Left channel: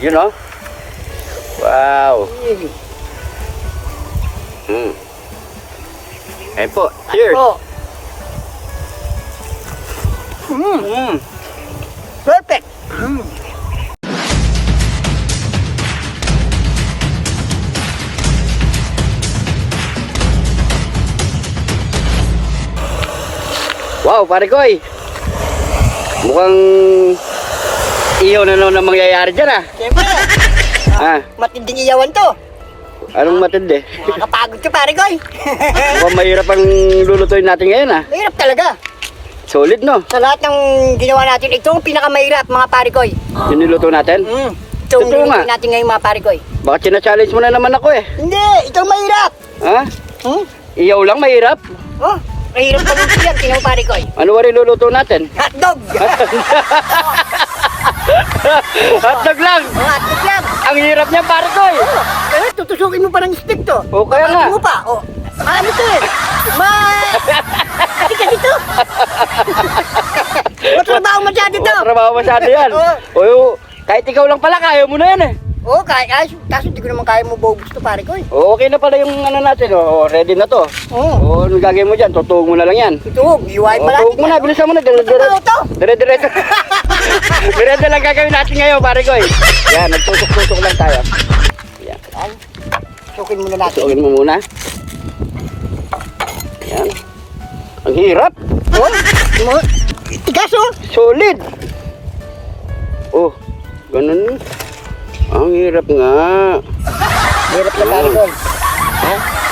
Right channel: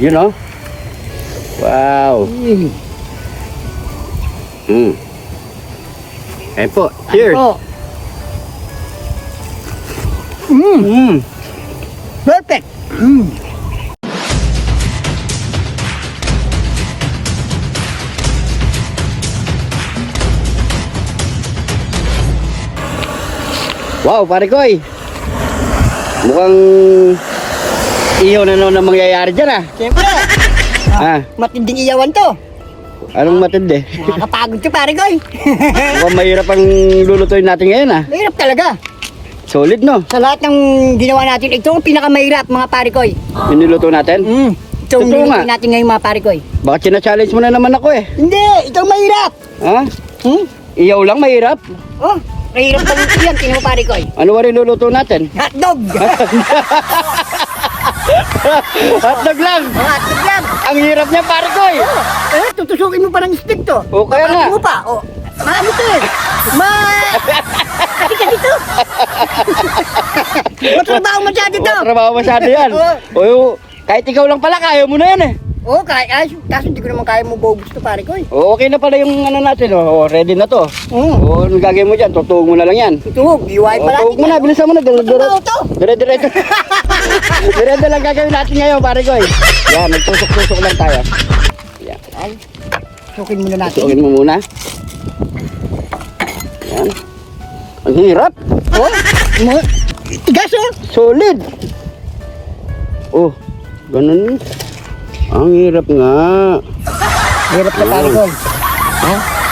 Yun o. Wow. Ayan po. Cheers. Perfect. Wow, pare koy. Mukhang iyo na naman ang mangyayari dyan ah. Siyempre. Ah, Matinding iyawan to. anong matindi? Nakakapagod ka, pare koy. Oh, mahirap ang lulutuin natin ngayon ah. Mahirap talaga. Solid no? Sa lahat ng ginawa natin, ito ang pinakamahirap, mga pare koy. Yung niluto natin? Ito ang Totoo nilutuin nga. natin ngayon, mga pare koy. Baka china-challenge mo na naman ako eh. Hindi, ito ang mahirap. Ha? Iyaw lang mahirap? Oh, mahirap na dito yan, mga pare koy. Ano ba rin luluto natin? Hotdog. Hotdog lang! Hotdog lang. Ang hirap niya pare koy! Tutusukin mo pa ng stick to. O, kaya nga. Papalit mo pa. Oh. Malas ito eh. Kasi ito. Matrabaho masyado ito. Trabaho masyado yan. Oo. O, kahit ikaw lang pala, kaya mo na yan eh. Oo, kaso hindi ko naman kaya mabubos to, pare ko eh. O, okay na pala yung ano natin. O, ready na to. Oo. O, ano gagawin mo dyan? Tutuog mo na lang yan. Ito, biway pa natin Tutuog mo na, yan. bilisan mo na. Trabaho to. Dire-diretso. Diretso lang gagawin natin ngayon, pare ko eh. Sukin muna natin. Tutuogin mo muna. Yan. Ang hirap. Tigas oh. Solid. Oh, ganun. Ang hirap nga. Hirap ka, pare ko.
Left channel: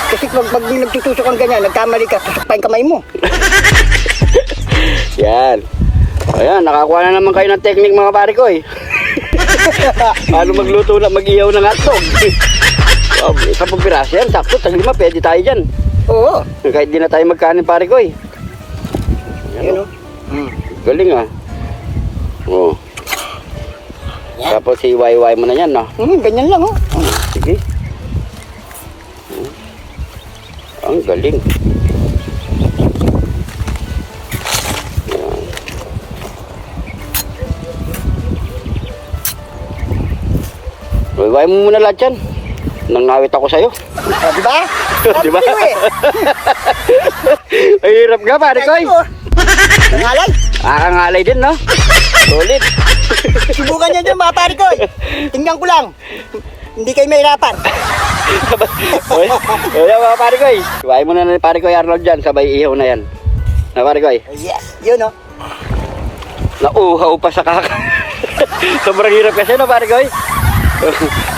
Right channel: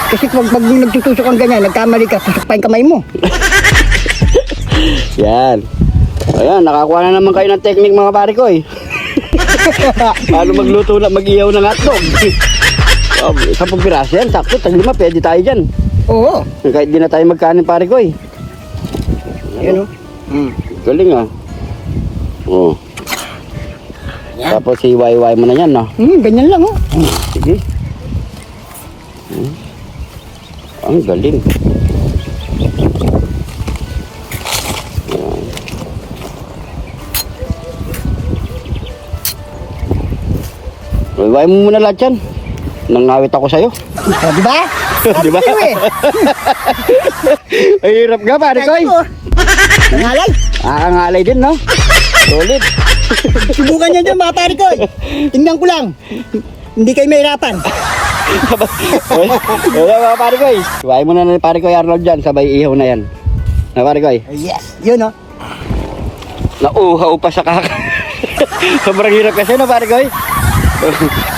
Kasi pag nagtutusok kang ganyan, nagkamali ka, tusok pa yung kamay mo. Yan. Ayan, nakakuha na naman kayo ng technique mga pare ko eh. Paano magluto na, mag-iyaw ng ato. Kapag piraso yan, sakto, talima, pwede tayo dyan. Oo. Kahit di na tayo magkanin pare ko eh. Ayan oh. Galing ah. Oh. Tapos iway-iway mo na yan no. Ganyan lang oh. Sige. Ang galing. Iway mo muna lahat yan. Nangawit ako sa'yo. Diba? Diba? Ay, hirap ka pare ko eh. Ngalay. Nakakangalay din no. Ulit. Subukan nyo dyan mga pare ko. Tingnan ko lang. Hindi kayo mahirapan. Kaya mga pare ko eh. Iway mo na na pare ko Arnold dyan. Sabay ihaw na yan. Na pare ko eh. Yes. Yun oh. Nauuhaw pa sa kaka. Sobrang hirap kasi no pare ko eh.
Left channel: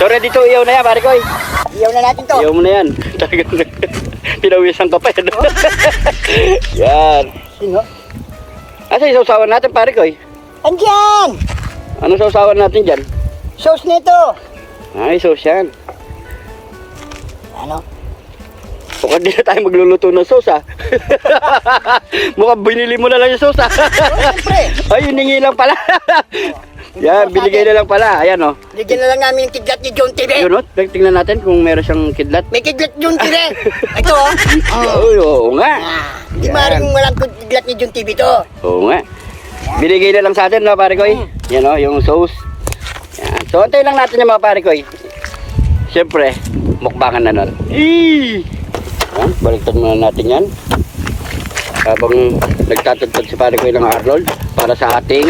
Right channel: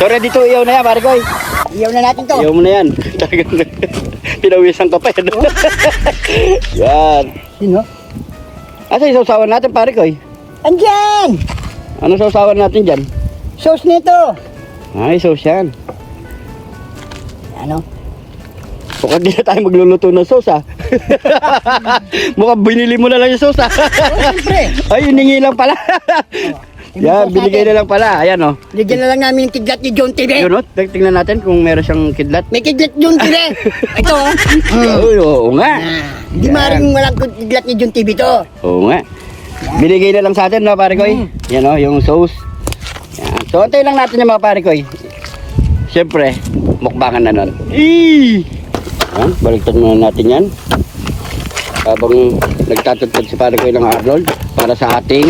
So ready to ihaw na yan pare ko eh. Iyaw na natin to. Ihaw mo na yan. Pinawisan ka pa yan. Yan. Sino? Asa yung sausawan natin pare ko eh. Andyan! Anong sausawan natin dyan? Sauce nito. Ay, sauce yan. Ano? Mukhang di na tayo magluluto ng sauce ah. Mukhang binili mo na lang yung sauce ah. Siyempre. Ay, hiningi lang pala. Yung Yan, sauce binigay natin. na lang pala. Ayan o. Lagyan na lang namin yung kidlat ni John TV. Ano? Tingnan natin kung meron siyang kidlat. May kidlat John TV. Ito oh. Uy, oo nga. Di maaaring walang kidlat ni John TV to. Oo nga. Binigay na lang sa atin no, pare ko eh. Yan o, yung sauce. Yan. So, antayin lang natin yung mga pare ko eh. Siyempre, mukbangan na nun. Baliktad muna natin yan. Habang nagtatutod si pare ko ng Arnold para sa ating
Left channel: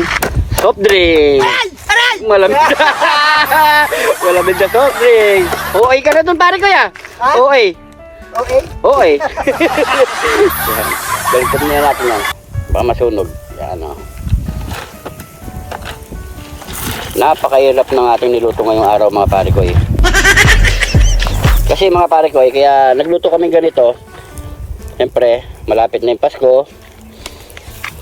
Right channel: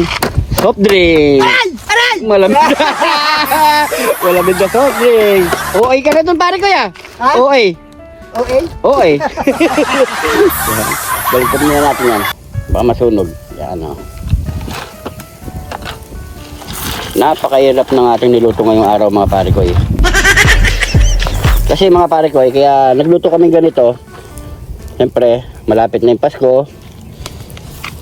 soft drink. Aral! Malamig. Malamig na soft drink. Okay ka na dun pare ko ya. Ha? Okay. Okay. Okay. Baliktad muna natin yan. Baka masunog. Yan o. Napakahirap ng ating niluto ngayong araw mga pare ko eh. Kasi mga pare ko eh, kaya nagluto kami ganito. Siyempre, malapit na yung Pasko.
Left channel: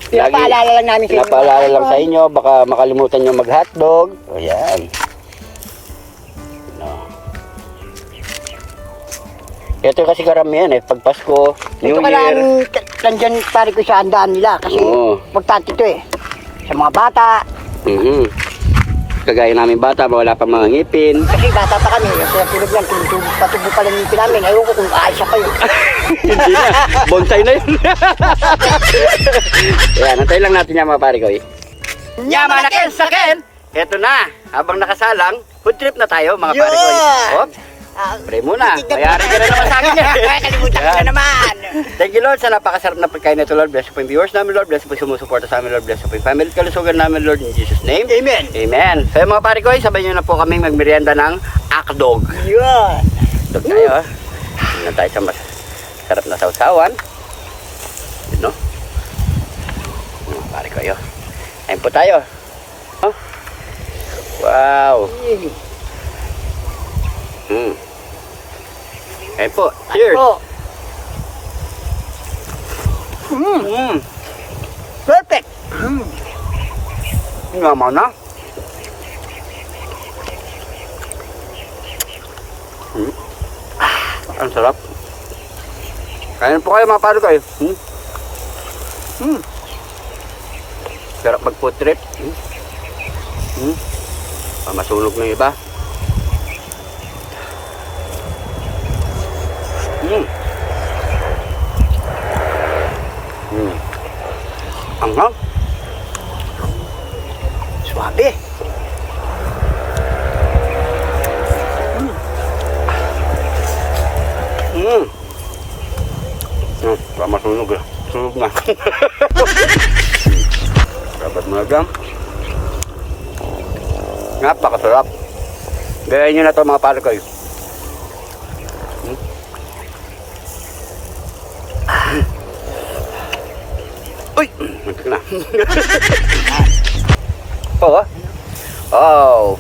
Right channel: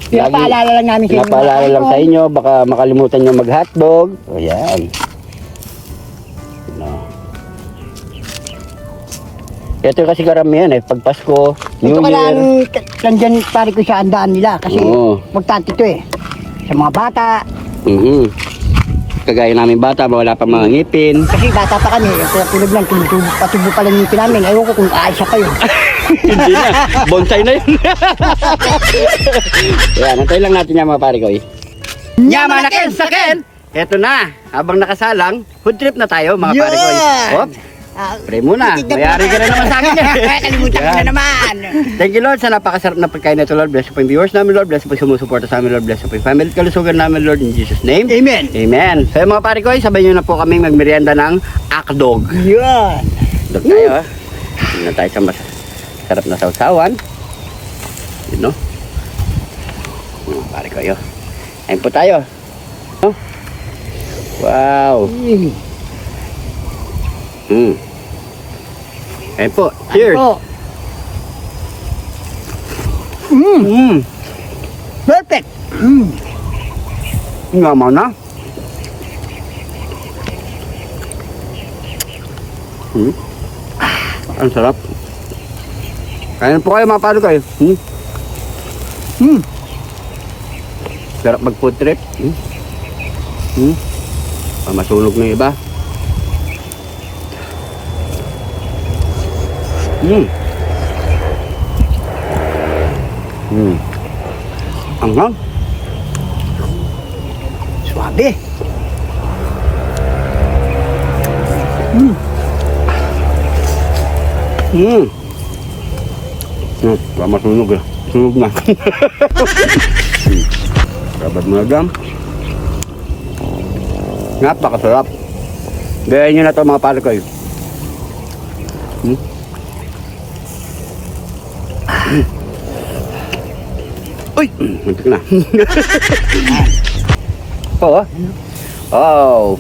Pinapaalala lang namin sa inyo. Pinapaalala lang sa inyo, baka makalimutan nyo mag-hotdog. O yan. Ito kasi karamihan eh, pag Pasko, New Year. Nandyan pare ko sa andaan nila kasi importante ito eh. Sa mga bata. Kagaya namin bata, wala pang mga ngipin. Kasi bata pa kami, tulog lang, patubo pala yung ngipin namin. Ayaw ko kung kaayos pa yun. Bonsai na yun. Yan, natay lang natin yan mga pare ko eh. Yaman na ken sa ken! eto na. Habang nakasalang, food trip na tayo mga pare ko. Hop, pray muna. Mayari ka na naman sa akin. Kalimutan ko na naman. Thank you Lord sa napakasarap na pagkain na ito Lord. Bless po yung viewers namin Lord. Bless po yung sumusuporta sa amin Lord. Bless po yung family at kalusugan namin Lord. In Jesus name. Amen. Amen. So mga pare ko, sabay nyo na po kaming magmerienda ng akdog. Yun. Dog tayo ha. Hindi na tayo sa masarap na sausawan. Yun no. Mga pare ko yun. Ayun po tayo. Oh. Wow. Ayun po. Cheers. Ano? Mm. Perfect. Ngamaw na. Ang sarap. Kaya po kayo mga pare ko. Sarap mag food trip. Masunog na iba. Ang hang. Suabe. Masunog na. Sunog na. Rabat mo lang. Napakasarap. Gayahin nyo na ito mga pare ko. Uy! Muntik na. Po. Oh.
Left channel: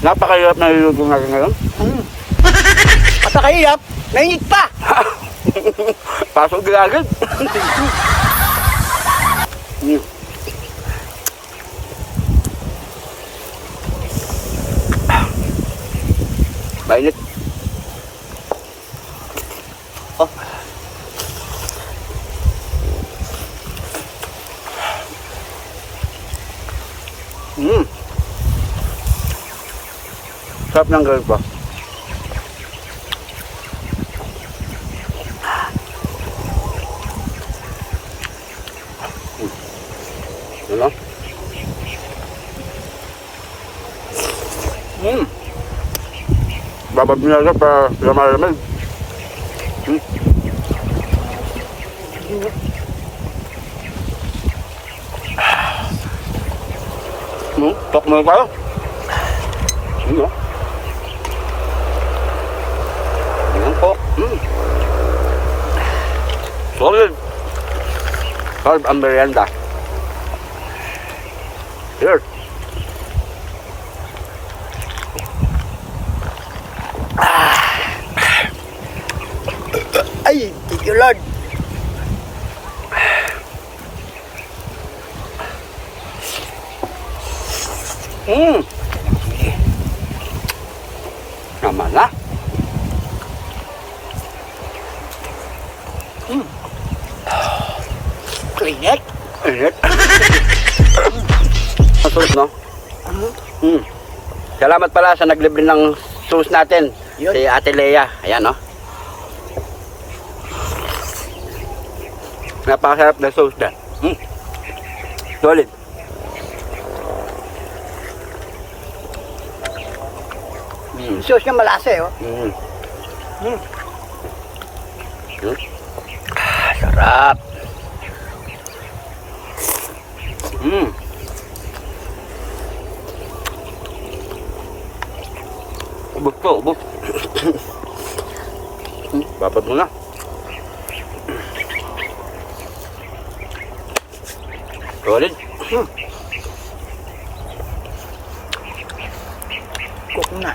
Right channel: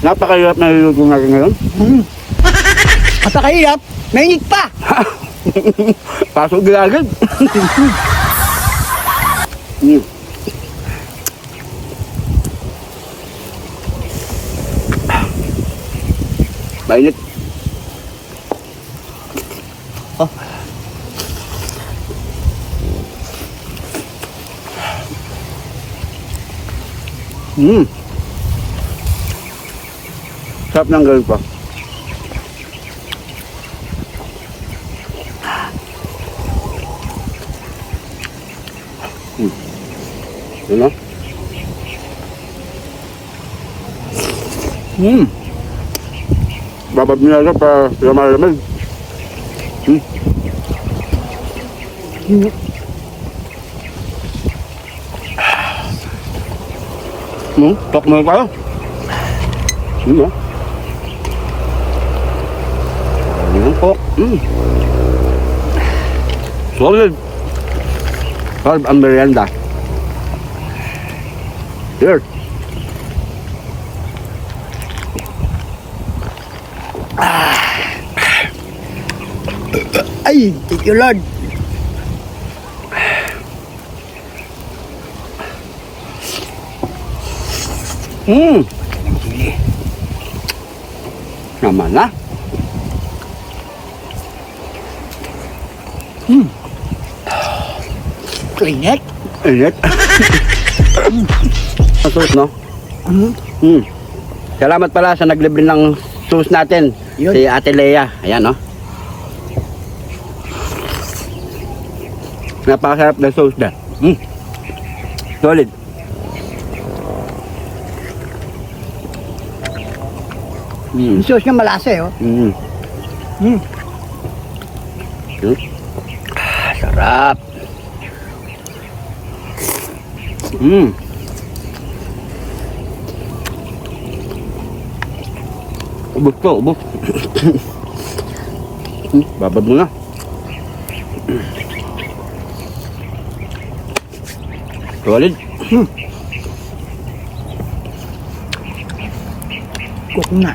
Napakahirap na niluto natin ngayon. Masakahirap. Mainit pa. Pasok agad. Mainit. Oh. Sarap ng gawin pa. Yun o. Babab nila na para sila malamig. Tok mo pa. Yun o. Yun po. Solid. Solid ang merienda. Cheers. Ay, thank you Lord. Naman na. Init. Init. Masarap no? Salamat pala sa naglibre ng sauce natin. Yun. Si Ate Lea. Ayan no? Napakasarap ng sauce na. Solid. Yung sauce niya malasa eh. Oh. Sarap. Ubos ko, ubos. Babad mo na. Solid. Cook na.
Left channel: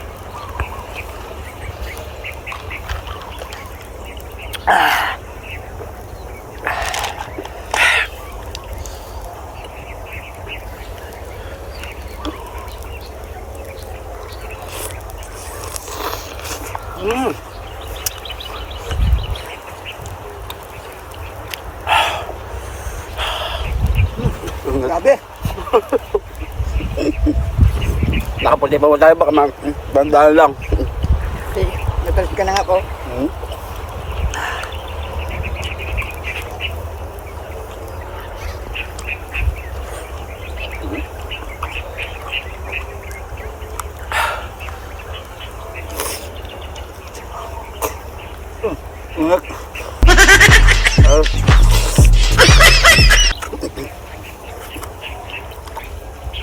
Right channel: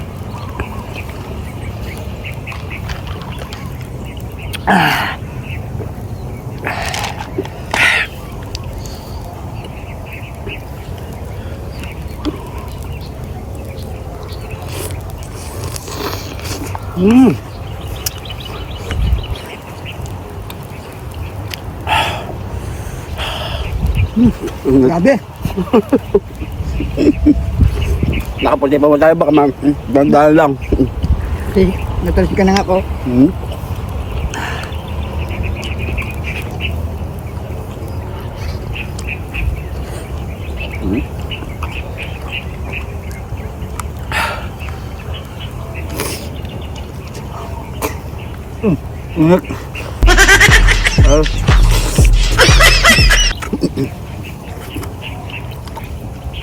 Grabe. Nakapunti pa mo tayo baka magdala lang. Okay, natalsi ka na nga po.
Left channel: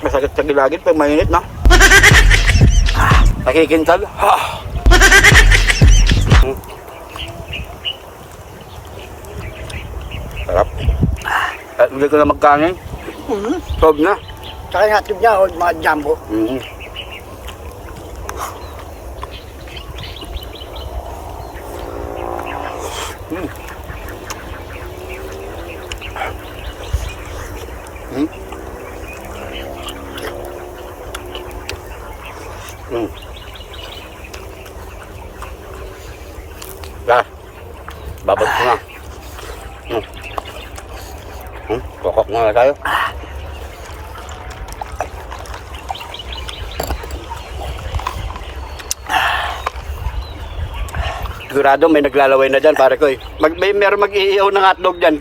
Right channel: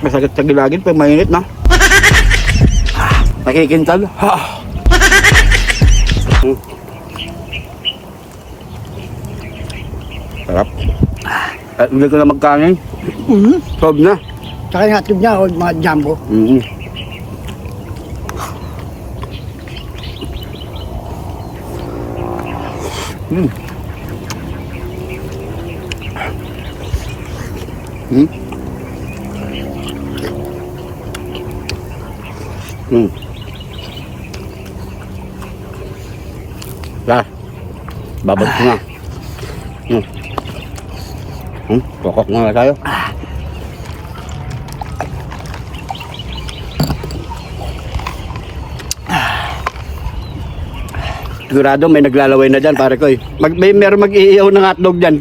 Masagit sa gilagin pag mainit na. Nakikintal. Ha. Sarap. At hindi ko na magkanin. Sob na. Saka yung hotdog niya, o mga jumbo. Mm. Mm. Mm. Lah. Babad ko na. Kokok na tayo. Sigurado may naglalaway na dyan, pare ko eh. Meron mag-iiyaw ng hotdog dyan.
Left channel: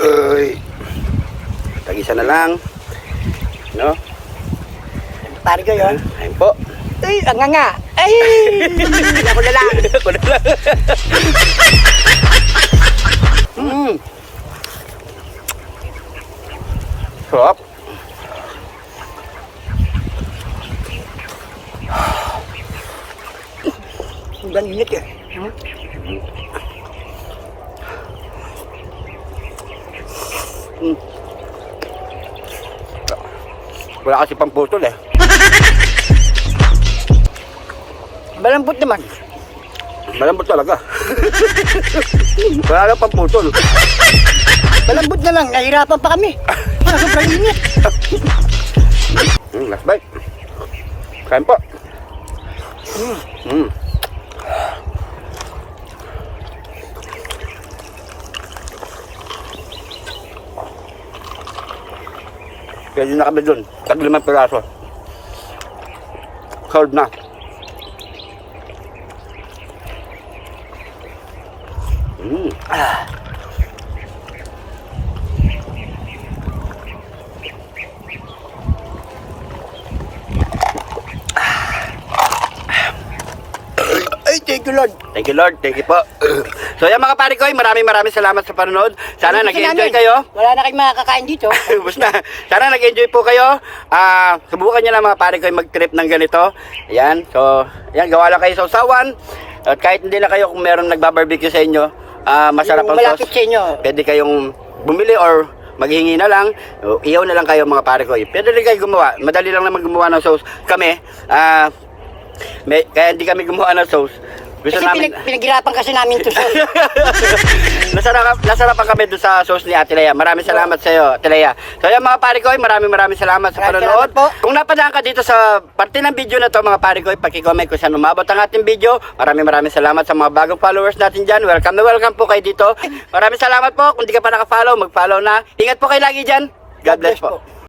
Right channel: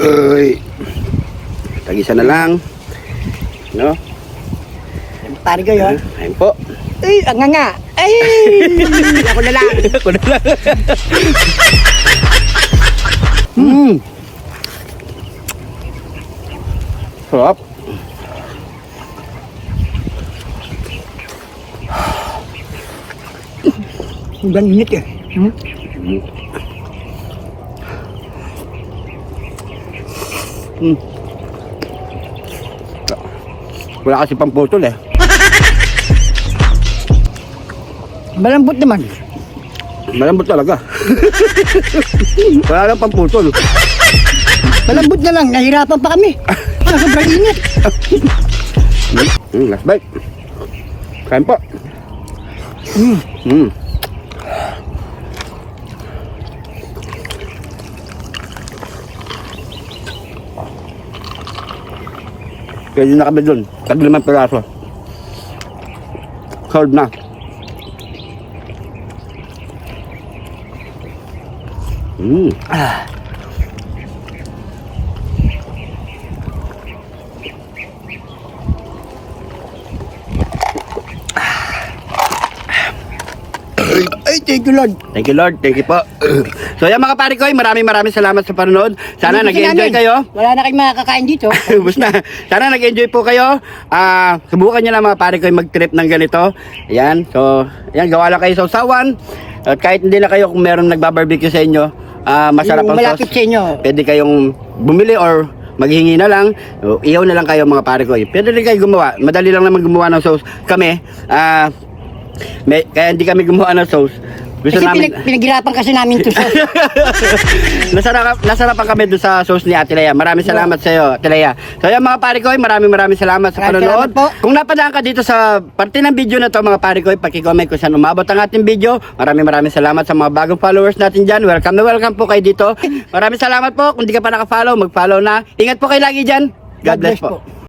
Uy. Tag-isa na lang. No? Pare ko yun. Ayun po. Ay, ang nga. Ay! Ako na lang. Ako na lang. Sarap. Ang ganit eh. Wala kasi pamputol eh. Malambot naman. Malambot talaga. Wala lang pamputol. Malambot na lang, nahirapan pa kami. Sobrang init. Last bite. Kain po. Pwede na kami dun. Tag 5 piraso. Sold na. Ay, thank you Lord. Thank you Lord, thank you po. So yan mga pare ko, maraming salamat sa panonood. Sana Dito nag-enjoy namin. kayo. Wala na kayong makakakain dito. Ubus na. Sana nag-enjoy po kayo. Subukan nyo lang mga pare ko mag-trip ng ganito. Ayan, so yan, gawa lang kayo sa usawan. At kahit hindi na kayo kung meron nagbabarbecue sa inyo, masarap Yung ang malapit sauce. sa inyo. Pwede kayong bumili or maghingi na lang. Ihaw na lang kayo mga pare ko. Pwede rin kayo gumawa. Madali lang naman gumawa ng sauce. Kami, kaya hindi kami gumawa ng sauce. Gusto Kasi namin... pinaghirapan kasi namin ito sa... nasarapan kami doon sa sauce ni Ate Lea. Maraming salamat sa iyo, Ate Lea. So yan mga pare ko, maraming salamat sa Maraming panonood. salamat po. Kung napadaan ka dito sa parte ng video na to mga pare ko, paki-comment kung saan umabot ang ating video. Maraming salamat sa mga bagong followers natin dyan. Welcome na welcome po kayo dito. Maraming salamat po. Kung di ka pa naka-follow, mag-follow na. Ingat po kayo lagi dyan. God bless po.